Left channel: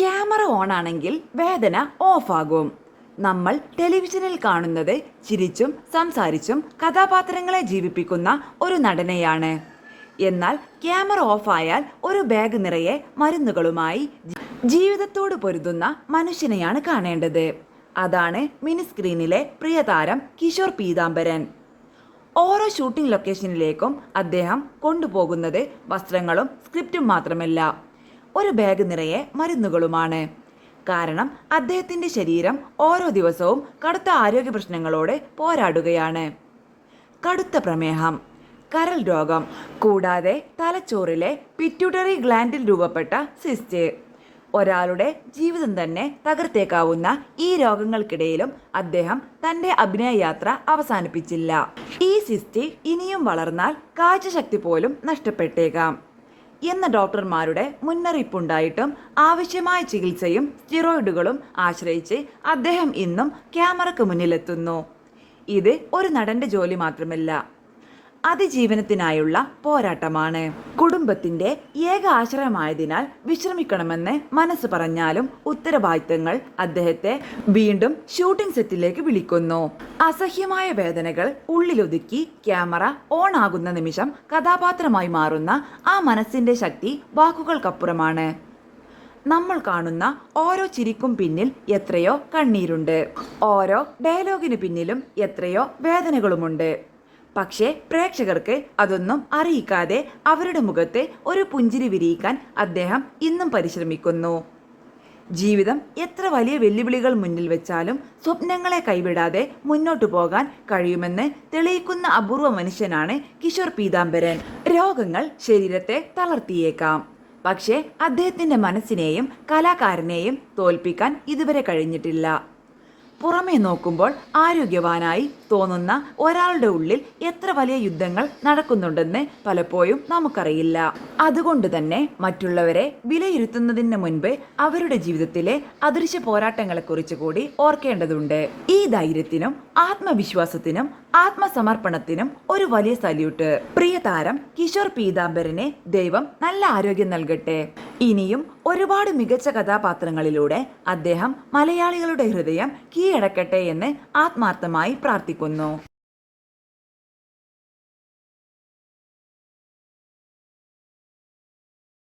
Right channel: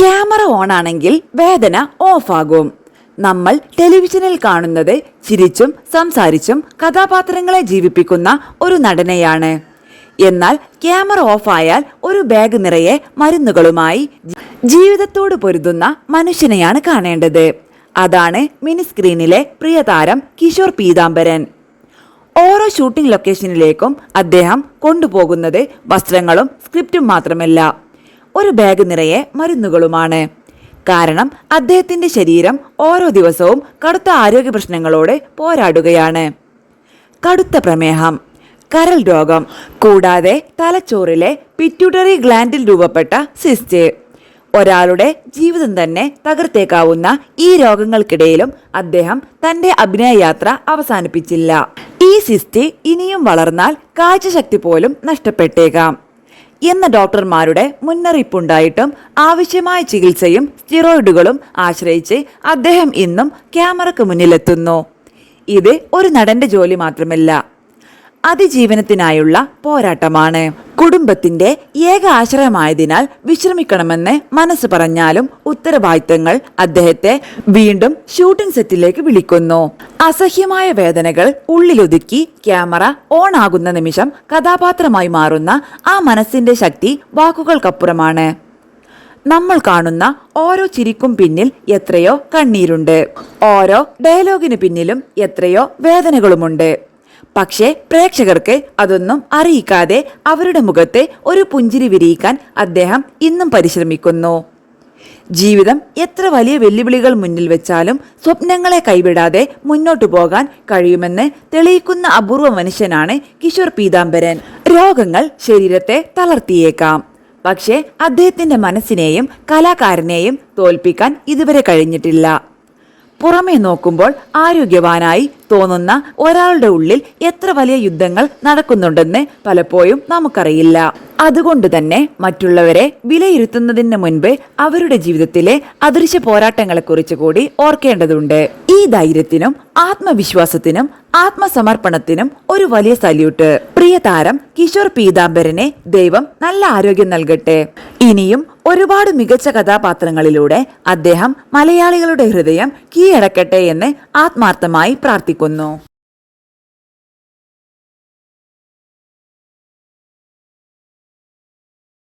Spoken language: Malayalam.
ക്യാമറ ഓൺ ആണെങ്കിൽ വേദന ഓഫാകും. നമ്മൾ ടെലിവിഷനിൽ കാണുന്നത് ചിരിച്ചും സംസാരിച്ചും കഥാപാത്രങ്ങളെ ജീവിപ്പിക്കുന്ന ഒരു നടനെയാണ്. എന്നാൽ ക്യാമറ ഓഫായാൽ ഒരു ബാഗ് നിറയെ മരുന്നുകളുമായി ജീവിതത്തോട് പൊരുതുന്ന മനുഷ്യനെയാണ് കാണേണ്ടത്. അതാണ് മിനി സ്ക്രീനിലെ പ്രിയതാരം കിഷോർ പീതാംബരൻ. ഓരോ ഷൂട്ടിംഗ് ലൊക്കേഷനിലേക്കും അദ്ദേഹം കൊണ്ടുപോകുന്നത് വസ്ത്രങ്ങളും സ്ക്രിപ്റ്റും മാത്രമല്ല, ഒരു ബാഗ് നിറയെ മരുന്നുകളുമാണ്. കാരണം അദ്ദേഹത്തിന്റെ ശരീരം ഓരോ ദിവസവും കടുത്ത ആരോഗ്യ പ്രശ്നങ്ങളോട് പോരാടുകയാണ്. കടുത്ത പ്രമേഹം, കരൾ രോഗം, കൂടാതെ തലച്ചോറിലെ പിറ്റ്യൂട്ടറി ഗ്ലാൻഡിൽ രൂപപ്പെട്ട സിസ്റ്റ്. ഒരാളുടെ ജീവിതം തന്നെ തകർത്തേക്കാവുന്ന ഈ രോഗങ്ങൾക്കിടയിലും അദ്ദേഹം തന്റെ അഭിനയ യാത്ര അവസാനിപ്പിച്ചില്ല. ഈ സിസ്റ്റ് ഇനിയും വളർന്നാൽ കാഴ്ചശക്തി പോലും നഷ്ടപ്പെട്ടേക്കാം എന്ന ഡോക്ടർമാരുടെ മുന്നറിയിപ്പുണ്ടായിട്ടും ആവശ്യമായ ചികിത്സയും സ്റ്റിറോയിഡുകളും ആശ്രയിച്ച് അദ്ദേഹം ഇന്നും ക്യാമറയ്ക്ക് മുന്നിലെത്തുന്നു. ഇത് ഒരു നടന്റെ ജോലി മാത്രമല്ല, അതിജീവനത്തിനായുള്ള പോരാട്ടമാണ്. കുടുംബത്തിന്റെ ഏക ആശ്രയമായതിനാൽ വിശ്രമിക്കണമെന്ന് മനസ്സ് പറഞ്ഞാലും ഉത്തരവാദിത്തങ്ങൾ അദ്ദേഹത്തെ വീണ്ടും ഷൂട്ടിംഗ് സെറ്റിലേക്ക് വിളിക്കുന്നു. അസഹ്യമായ വേദനകൾ ഉള്ളിലൊതുക്കി ക്യാമറ ഓൺ ആകുന്ന നിമിഷം കഥാപാത്രമായി മാറുന്ന ആ മനസ്സിന്റെ ശക്തി വാക്കുകൾക്കപ്പുറമാണ്. നമ്മൾ കാണുന്ന ഓരോ ചിരിക്കും പിന്നിൽ എത്രയോ കണ്ണീരുണ്ട്, ഓരോ ഡയലോഗിന് പിന്നിലും എത്രയോ വേദനകളുമുണ്ട്. പക്ഷേ പ്രേക്ഷകർക്ക് അതൊന്നും അറിയിക്കാതെ അവരുടെ മുഖത്തെ ഒരു പുഞ്ചിരി വിരിയിക്കാൻ അദ്ദേഹം ഇന്നും പരിശ്രമിക്കുന്നു. ജീവിതം എത്ര വലിയ വെല്ലുവിളികൾ മുന്നിൽ വെച്ചാലും സ്വപ്നങ്ങളെ കൈവിടാതെ മുന്നോട്ടു പോകാൻ കഴിയുമെന്ന് തെളിയിക്കുന്ന അപൂർവ മനുഷ്യനാണ് കിഷോർ പീതാംബരൻ. രോഗങ്ങൾ ശരീരത്തെ തളർത്തിയേക്കാം, പക്ഷേ അദ്ദേഹത്തിന്റെ മനസ്സിനെയും കലാകാരനെയും തോൽപ്പിക്കാൻ ഇതുവരെ കഴിഞ്ഞിട്ടില്ല. പുറമേ നോക്കുമ്പോൾ ആരോഗ്യവാനായി തോന്നുന്ന ഒരാളുടെ ഉള്ളിൽ എത്ര വലിയ യുദ്ധങ്ങൾ നടക്കുന്നുണ്ടെന്ന് പലപ്പോഴും നമുക്കറിയില്ല. അതുകൊണ്ട് തന്നെ മറ്റുള്ളവരെ വിലയിരുത്തുന്നതിന് മുൻപ് അവരുടെ ജീവിതത്തിലെ അദൃശ്യ പോരാട്ടങ്ങളെക്കുറിച്ച് കൂടി ഓർക്കേണ്ടതുണ്ട്. ഈ ധൈര്യത്തിനും ആത്മവിശ്വാസത്തിനും ആത്മസമർപ്പണത്തിനും ഒരു വലിയ സല്യൂട്ട്. പ്രിയ താരം കിഷോർ പീതാംബരനെ ദൈവം നല്ല ആരോഗ്യം നൽകട്ടെ. ഇനിയും ഒരുപാട് മികച്ച കഥാപാത്രങ്ങളിലൂടെ അദ്ദേഹം മലയാളികളുടെ ഹൃദയം കീഴടക്കട്ടെ എന്ന് ആത്മാർത്ഥമായി പ്രാർത്ഥിക്കുന്നു.